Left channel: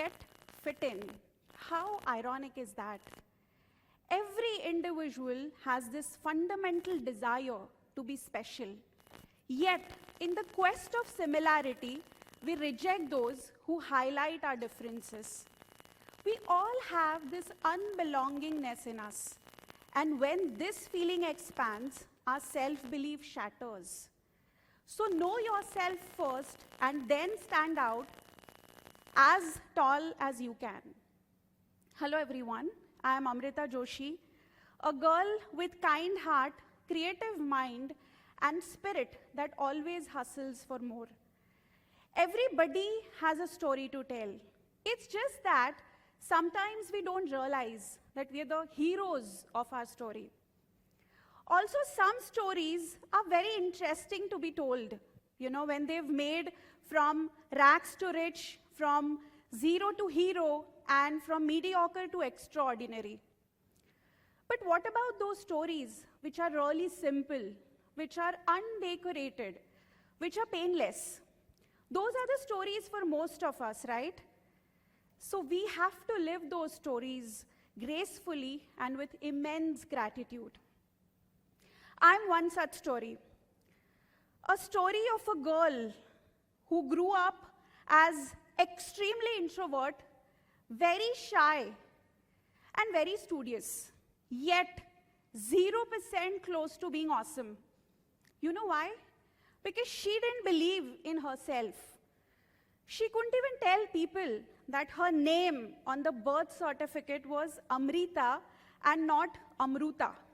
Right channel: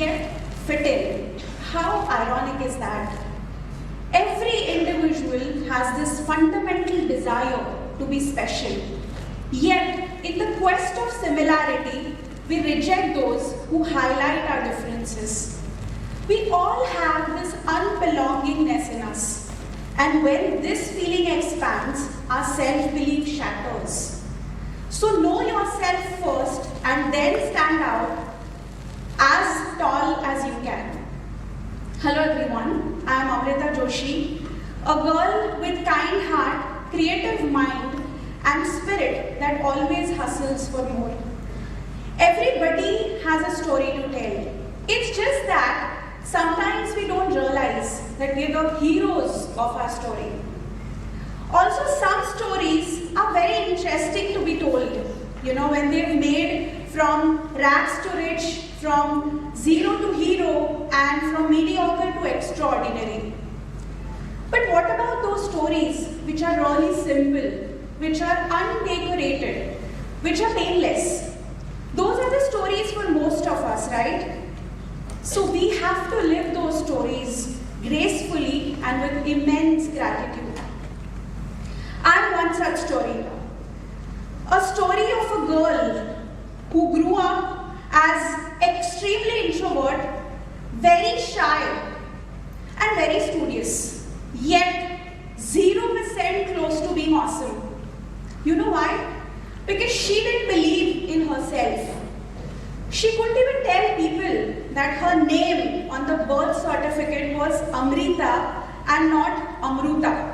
yet fit in. How ironic is that? Every individual has this fundamental desire to be special. Yet, in the quest of similarity, we reject those who highlight our differences. We all have this unbelongingness in us. And when this feeling expands, our self-belief shatters. So know yourself first and then stand out as tall as you can. Hello everyone, I am Amrita Joshi, a girl with kind heart, creative mind and spirit that always hustles for more. Everybody has a story to tell. It's just that sometimes we don't realize that we're the heroes of our story. Also, some stories are very interesting to be told. When they've made from rags to rich, from zero to hero, and from mediocre to extraordinary. But what about those stories which are really simple, which are undecorated, which are painless? Those are the stories for most of us, right? So we have to live those stories gracefully and with immense gratitude. I want such story. A story of a girl who grew up as extremely introvert, very shy and very studious, yet 0% close to being awesome. You know why? Because she didn't believe in herself. She couldn't even tell people that her name on the birth certificate was Amrita and not Amruta.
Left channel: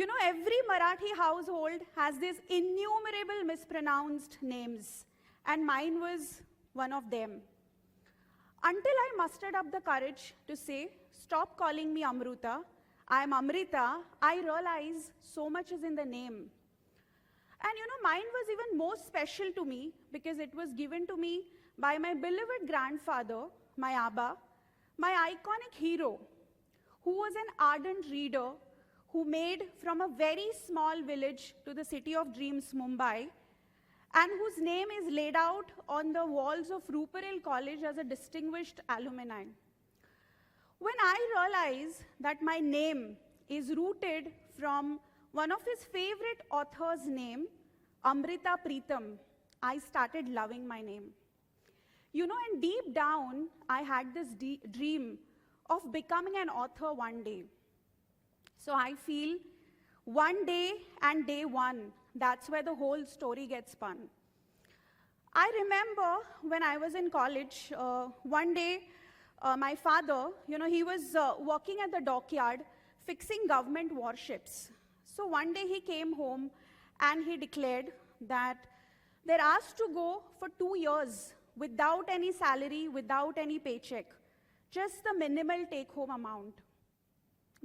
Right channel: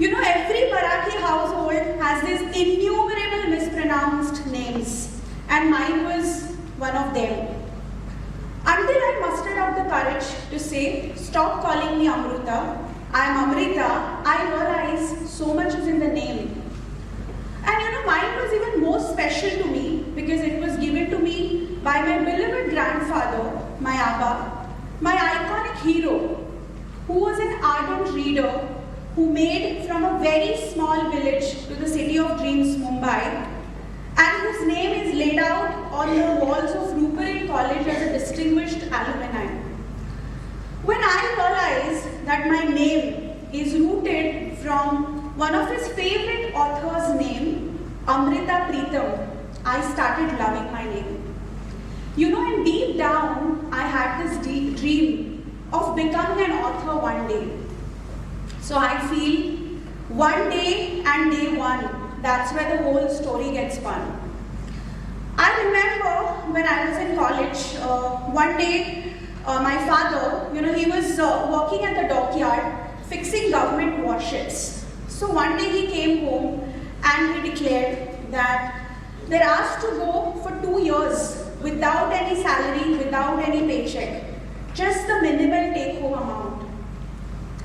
Every Marathi household has these innumerable mispronounced names, and mine was one of them. Until I mustered up the courage to say, stop calling me Amruta, I am Amrita, I realized so much is in the name. And mine was even more special to me because it was given to me by my beloved grandfather, my Abba, my iconic hero, who was an ardent reader, who made from a very small village to the city of dreams, Mumbai, and his name is laid out on the walls of Rupert College as a distinguished alumni. When I realized that my name is rooted from one of his favorite authors' name, Amrita Pritam, I started loving my name. And deep down, I had this deep dream of becoming an author one day. So I feel one day and day one, that's where the whole story gets spun. I remember when I was in college, one day my father, he was working at the dockyard fixing government warships. So one day he came home and he declared that they're asked to go for 2 years without any salary, without any paycheck, just the minimal take-home amount.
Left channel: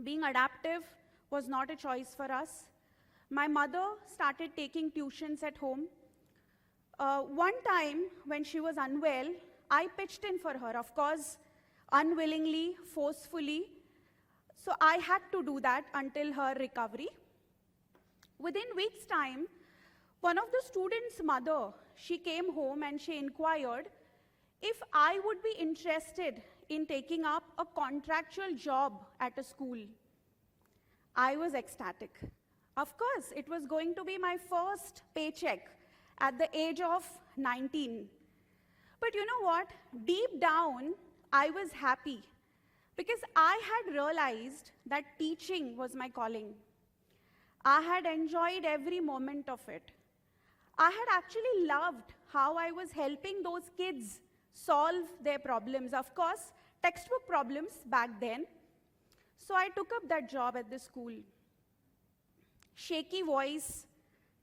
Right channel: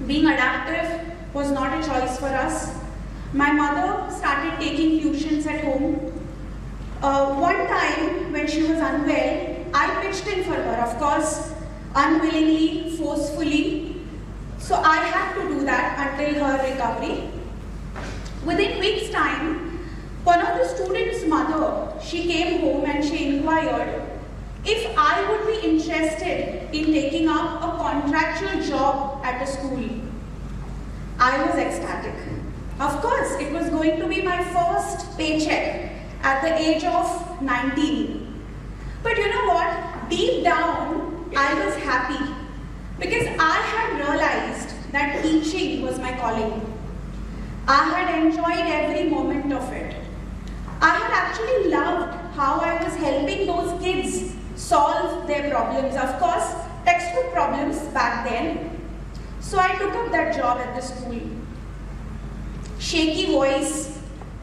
Being adaptive was not a choice for us. My mother started taking tuitions at home. One time when she was unwell, I pitched in for her, of course, unwillingly, forcefully. So I had to do that until her recovery. Within weeks' time, one of the students' mother, she came home and she inquired if I would be interested in taking up a contractual job at a school. I was ecstatic. Of course, it was going to be my first paycheck at the age of 19. But you know what? Deep down, I was happy because I had realized that teaching was my calling. I had enjoyed every moment of it. I had actually loved how I was helping those kids solve their problems. Of course, textbook problems back then. So I took up that job at the school. Shaky voice,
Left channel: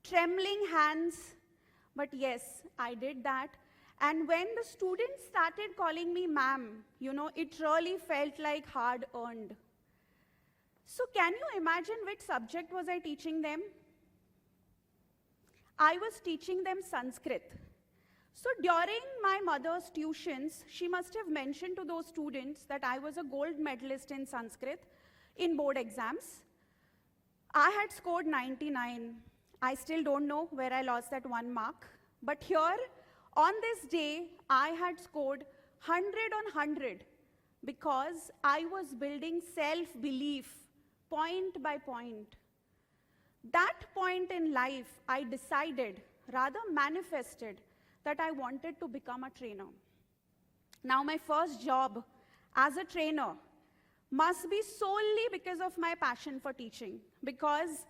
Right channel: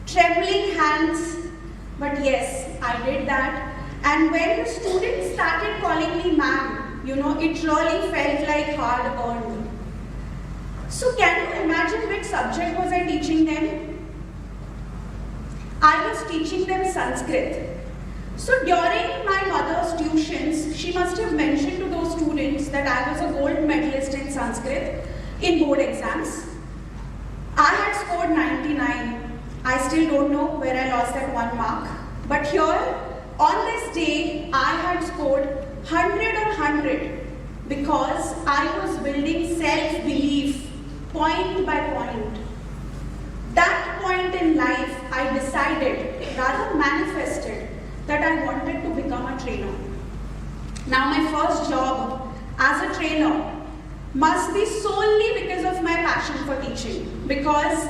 trembling hands, but yes, I did that. And when the students started calling me ma'am, it really felt like hard earned. So can you imagine which subject was I teaching them? I was teaching them Sanskrit. So during my mother's tuitions, she must have mentioned to those students that I was a gold medalist in Sanskrit in board exams. I had scored 99. I still don't know where I lost that 1 mark. But here, on this day, I had scored 100 on 100 because I was building self-belief point by point. That point in life, I decided, rather manifested, that I wanted to become a trainer. Now my first job as a trainer must be solely because of my passion for teaching, because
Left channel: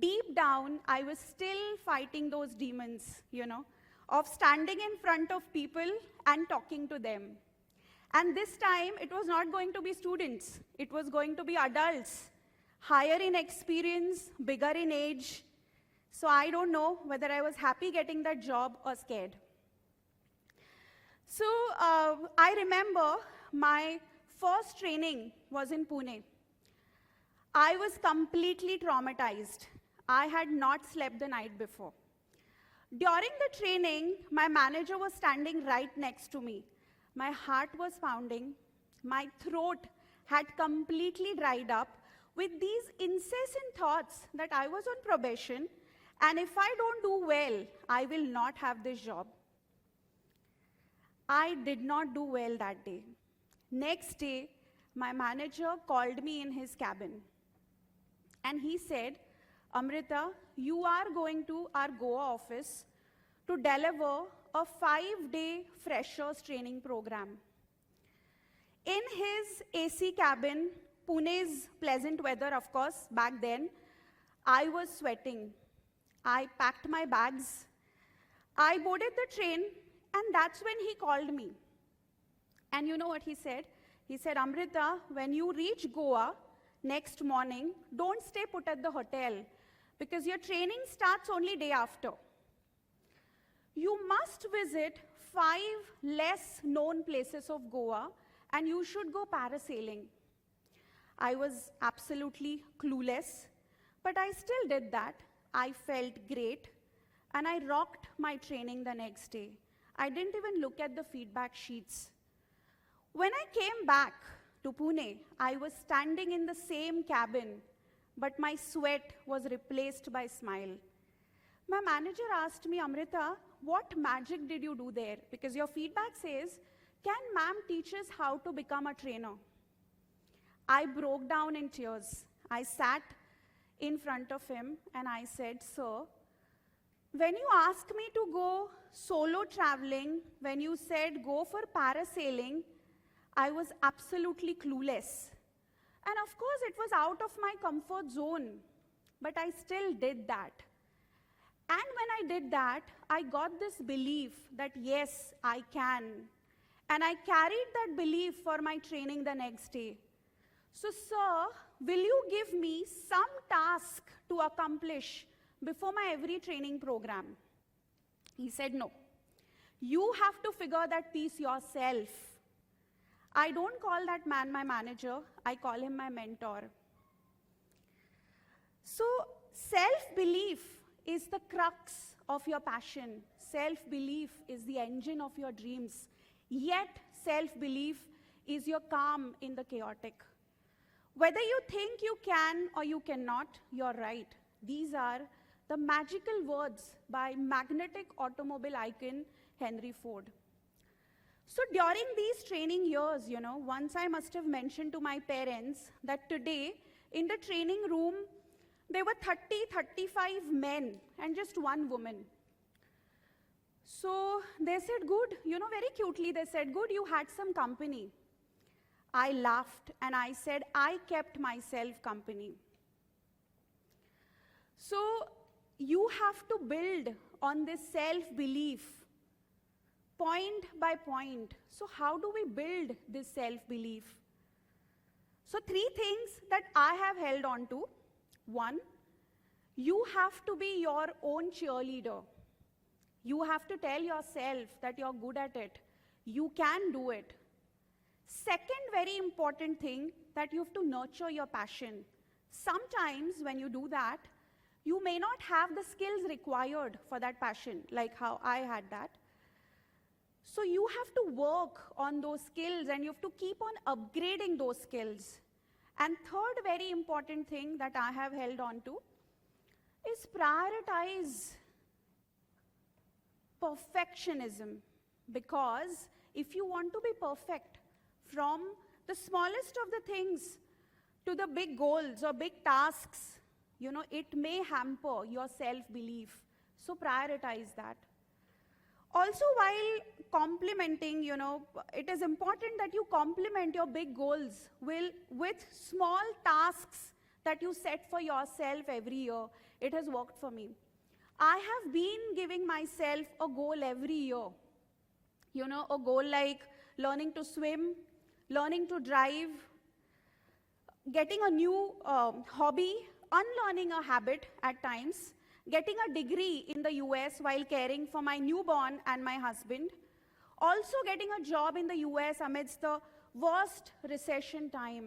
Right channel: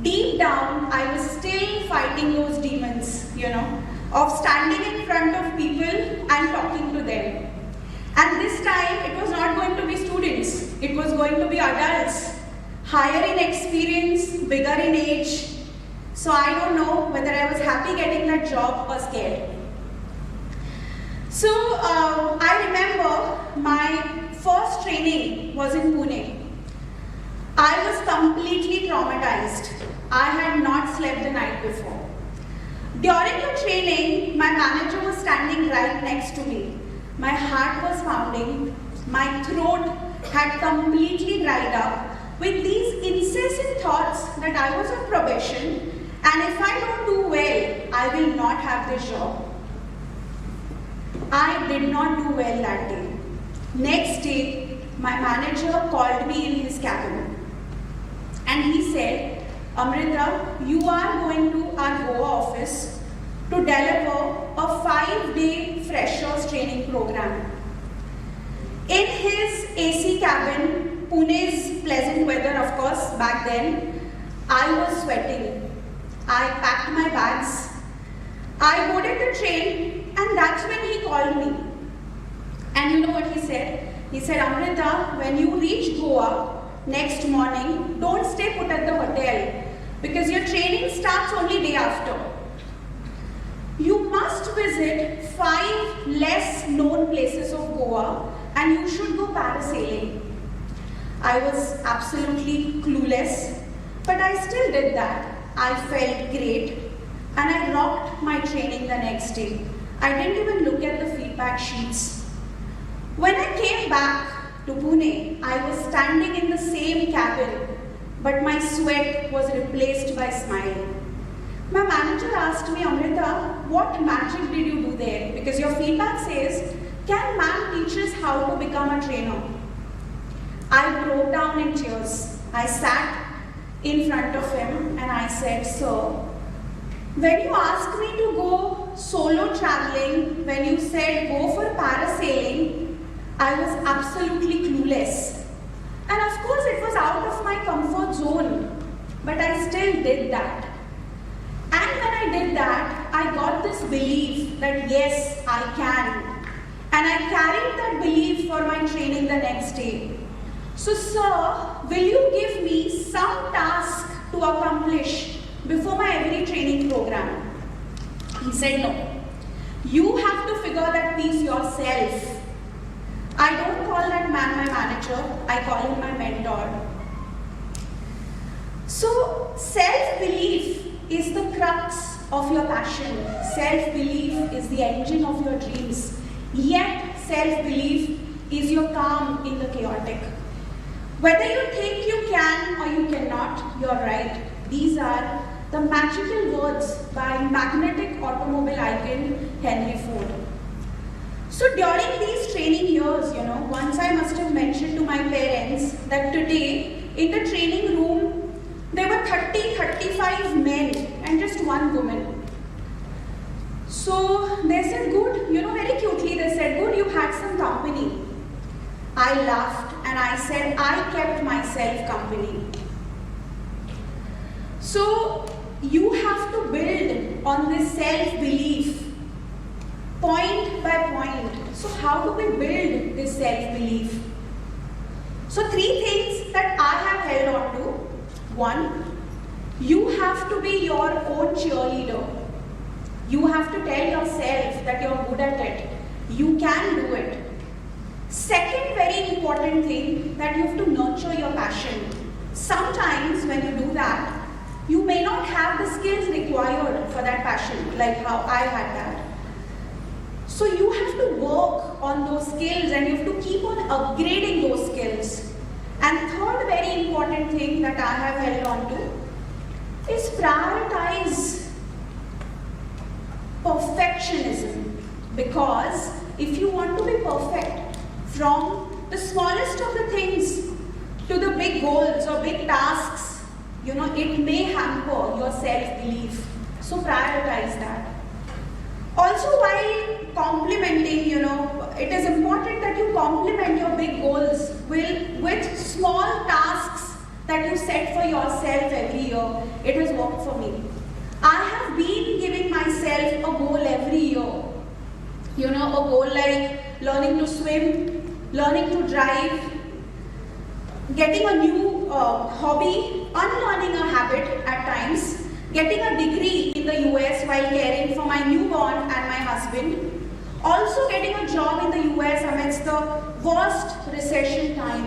deep down I was still fighting those demons, of standing in front of people and talking to them. And this time it was not going to be students, it was going to be adults, higher in experience, bigger in age. So I don't know whether I was happy getting that job or scared. So I remember my first training was in Pune. I was completely traumatized. I had not slept the night before. During the training, my manager was standing right next to me. My heart was pounding. My throat had completely dried up with these incessant thoughts that I was on probation and if I don't do well, I will not have this job. I did not do well that day. Next day, my manager called me in his cabin and he said, Amrita, you are going to our Goa office to deliver a 5-day freshers training program. In his AC cabin, Pune's pleasant weather, of course, back then, I was sweating. I packed my bags. I boarded the train and that's when he called me. And you know what he said? He said, Amrita, when you reach Goa next morning, don't stay put at the hotel because your training starts only day after. You must visit 5 less known places of Goa and you should go parasailing. I was absolutely clueless, but I still did that. I felt great and I rocked my training the next day. I didn't even look at the feedback sheets. When I came back to Pune, I was standing in the same cabin, but my sweat was replaced by smile. My manager asked me, Amrita, what magic did you do there? Because your feedback says, can man teach us how to become a trainer? I broke down in tears. I sat in front of him and I said, sir, when you asked me to go solo traveling, when you said go for parasailing, I was absolutely clueless. And of course it was out of my comfort zone, but I still did that. And when I did that, I got this belief that yes, I can. And I carried that belief for my training the next day. So sir, will you give me some task to accomplish before my every training program? He said no. You have to figure that piece yourself. I don't call that man my manager, I call him my mentor. So self-belief is the crux of your passion. Self-belief is the engine of your dreams. Yet self-belief is your calm in the chaotic. Whether you think you can or you cannot, you're right. These are the magical words by magnetic automobile icon Henry Ford. So during these training years, once I must have mentioned to my parents that today in the training room, there were 35 men and just one woman. So they said, good, very cutely they said, good, you had some company. I laughed and I said, I kept myself company. So you have to build on this self-belief point by point. So how do we build this self-belief? So 3 things that I have held on to. 1, you have to be your own cheerleader. You have to tell yourself that you're good at it. You can do it. Second very important thing, that you have to nurture your passion. Sometimes when you do that, you may not have the skills required for that passion, like how I had that. So you have to work on those skills and you have to keep on upgrading those skills. And third very important thing that I have held on to is prioritize perfectionism, because if you want to be perfect, from the smallest of the things to the big goals or big tasks, it may hamper your self-belief. So prioritize that. Also, while complimenting, it is important that you complement your big goals with small tasks that you set for yourself every year. It has worked for me. I have been giving myself a goal every year. A goal like learning to swim, learning to drive, getting a new hobby, unlearning a habit at times, getting a degree in the US while caring for my newborn and my husband, also getting a job in the US amidst the worst recession time.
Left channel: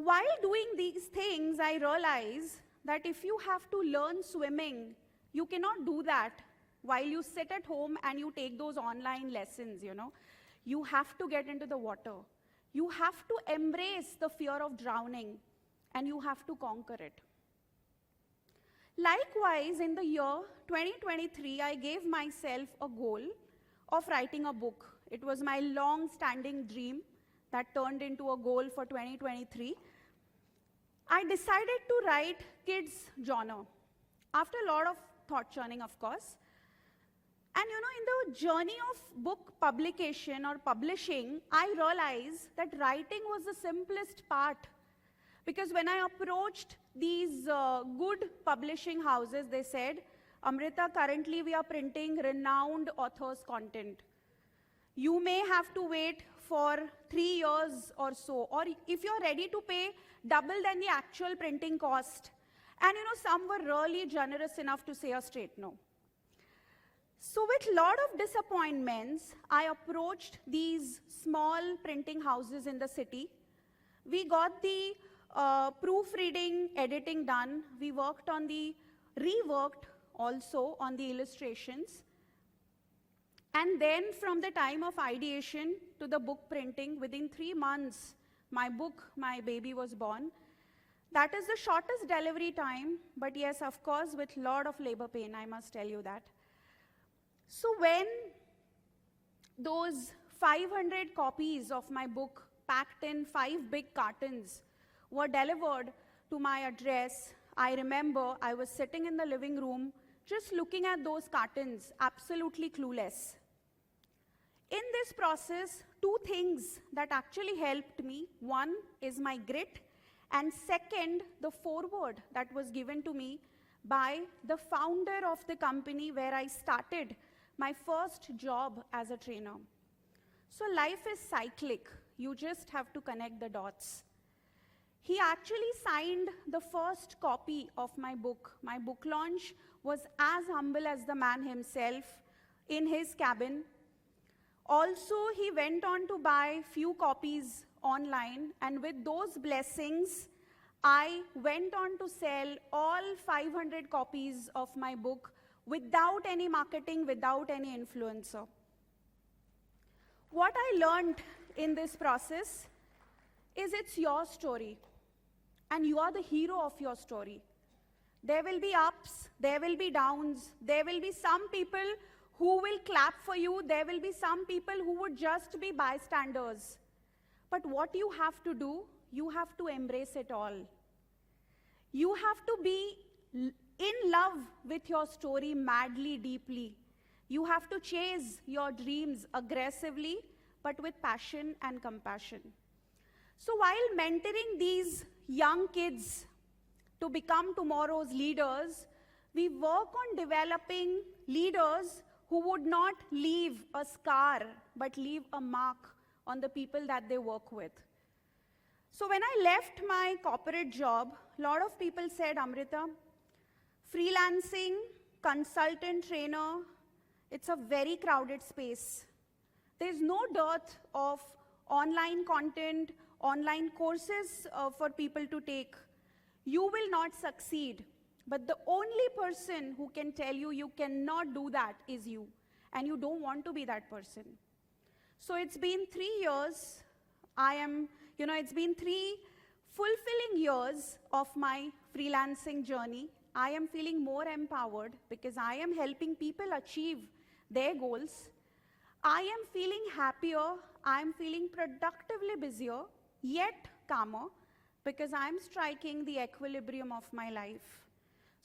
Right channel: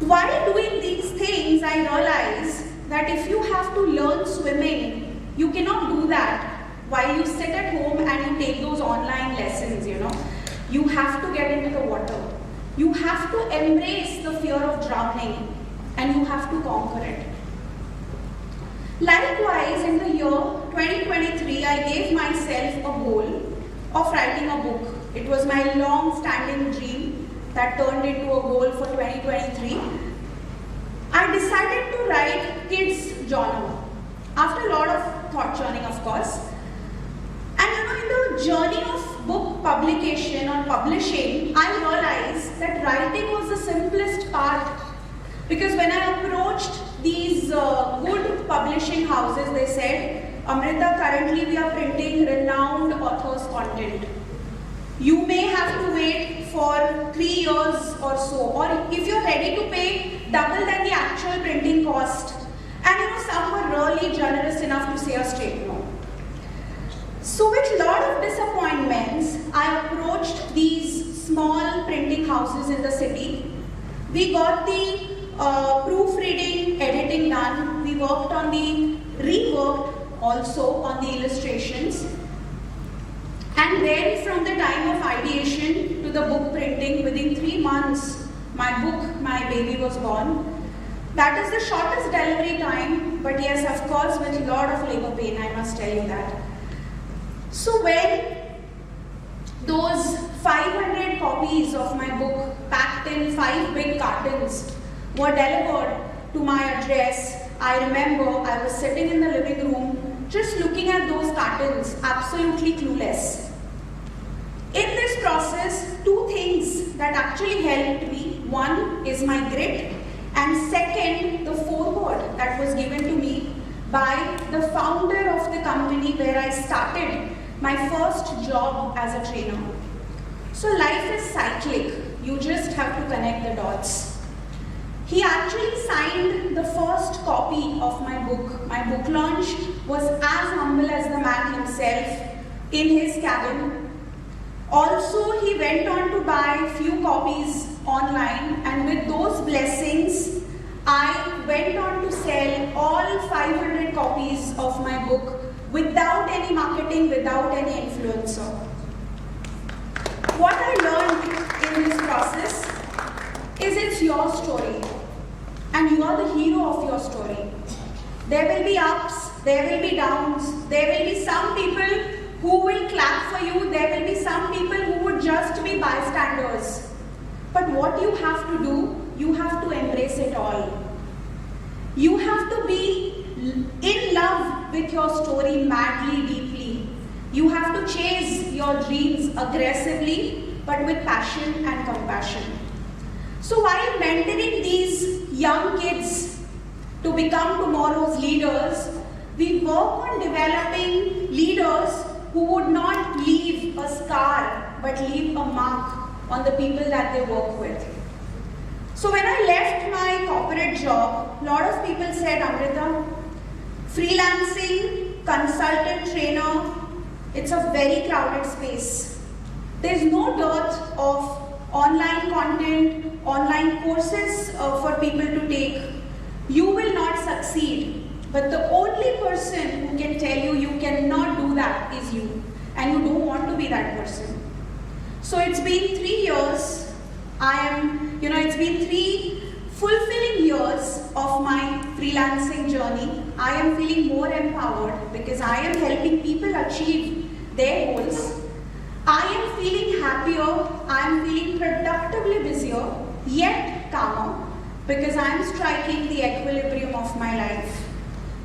While doing these things, I realize that if you have to learn swimming, you cannot do that while you sit at home and you take those online lessons, You have to get into the water. You have to embrace the fear of drowning and you have to conquer it. Likewise, in the year 2023, I gave myself a goal of writing a book. It was my long-standing dream that turned into a goal for 2023. I decided to write kids' journal after a lot of thought churning, of course. And in the journey of book publication or publishing, I realized that writing was the simplest part. Because when I approached these good publishing houses, they said, Amrita, currently we are printing renowned authors' content. You may have to wait for 3 years or so, or if you're ready to pay double than the actual printing cost. And some were really generous enough to say a straight no. So with a lot of disappointments, I approached these small printing houses in the city. We got the proofreading, editing done. We worked on the rework also on the illustrations. And then from the time of ideation to the book printing, within 3 months, my baby was born. That is the shortest delivery time, but yes, of course, with a lot of labor pain, I must tell you that. So when those 500 copies of my book packed in 5 big cartons were delivered to my address, I remember I was sitting in the living room just looking at those cartons, absolutely clueless. In this process, 2 things that actually helped me. One is my grit, and second, the foreword that was given to me by the founder of the company where I started my first job as a trainer. So life is cyclic. You just have to connect the dots. He actually signed the first copy of my book. My book launch was as humble as the man himself in his cabin. Also, he went on to buy few copies online, and with those blessings, I went on to sell all 500 copies of my book without any marketing, without any influencer. What I learned in this process is it's your story, and you are the hero of your story. There will be ups, there will be downs, there will be some people who will clap for you, there will be some people who would just be bystanders. But what you have to do, you have to embrace it all. You have to be in love with your story madly, deeply. You have to chase your dreams aggressively, but with passion and compassion. So while mentoring these young kids to become tomorrow's leaders, we work on developing leaders who would not leave a scar, but leave a mark on the people that they work with. So when I left my corporate job, a lot of people said, Amrita, freelancing, consultant, trainer, it's a very crowded space. There's no dearth of online content, online courses for people to take. You will not succeed. But the only person who can tell you you cannot do that is you. And you don't want to be that person. So it's been 3 years. It's been 3 fulfilling years of my freelancing journey. I am feeling more empowered because I am helping people achieve their goals. I am feeling happier, I am feeling productively busier, yet calmer, because I am striking the equilibrium of my life.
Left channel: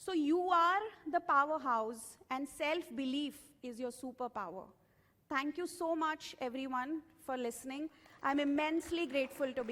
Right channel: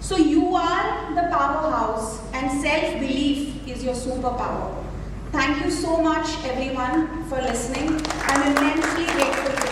So you are the powerhouse, and self-belief is your superpower. Thank you so much, everyone, for listening. I'm immensely grateful.